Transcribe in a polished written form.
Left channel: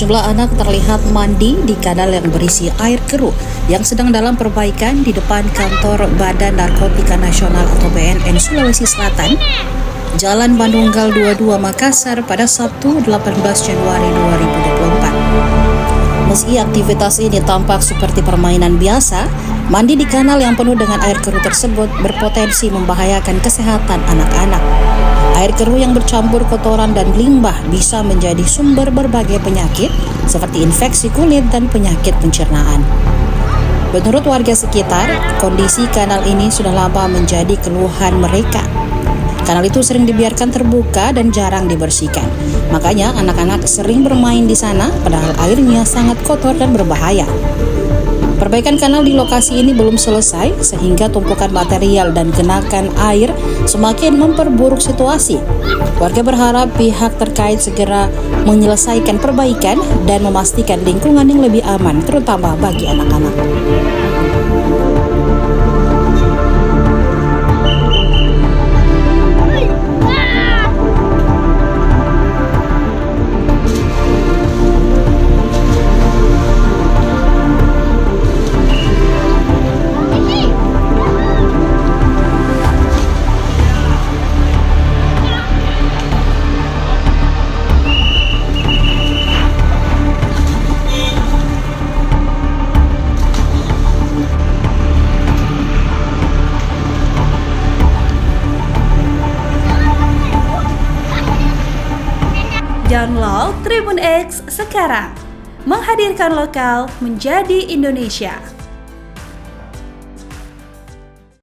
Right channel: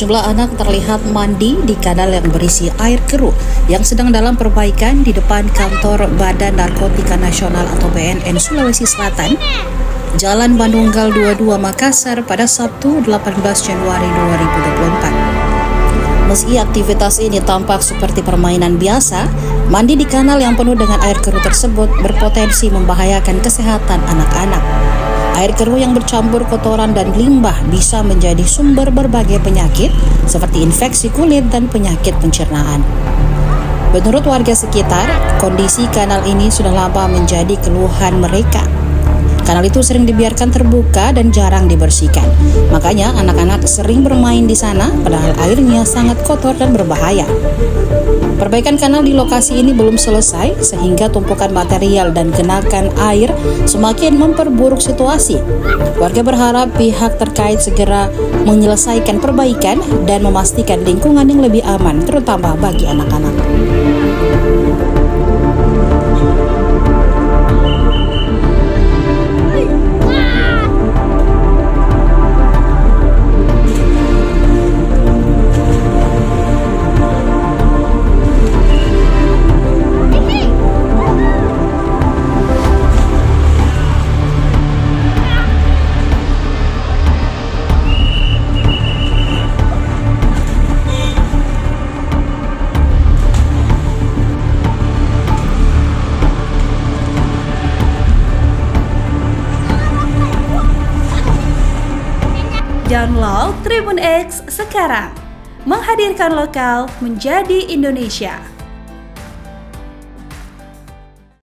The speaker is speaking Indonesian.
Sejumlah anak terlihat mandi di kanal yang berisi air keruh yang sedang dalam perbaikan di depan kantor Badan Narkotika Nasional atau BNN Sulawesi Selatan, Jalan Bandunggal 22 Makassar pada Sabtu 18 Januari 2024. Meski aktivitas ini tampak seperti permainan biasa, mandi di kanal yang penuh dengan air keruh tersebut berpotensi membahayakan kesehatan anak-anak. Air keruh yang bercampur kotoran dan limbah bisa menjadi sumber berbagai penyakit seperti infeksi kulit dan penyakit pencernaan. Menurut warga sekitar, kondisi kanal ini sudah lama menjadi keluhan mereka. Kanal itu sering dibiarkan terbuka dan jarang dibersihkan. Makanya anak-anak sering bermain di sana padahal airnya sangat kotor dan berbahaya. Perbaikan kanal di lokasi ini belum selesai sehingga tumpukan material dan genakan air semakin memperburuk situasi. Warga berharap pihak terkait segera menyelesaikan perbaikan dan memastikan lingkungan yang lebih aman terutama bagi anak-anak. Download Tribun X sekarang, menghadirkan lokal menjadi Indonesia.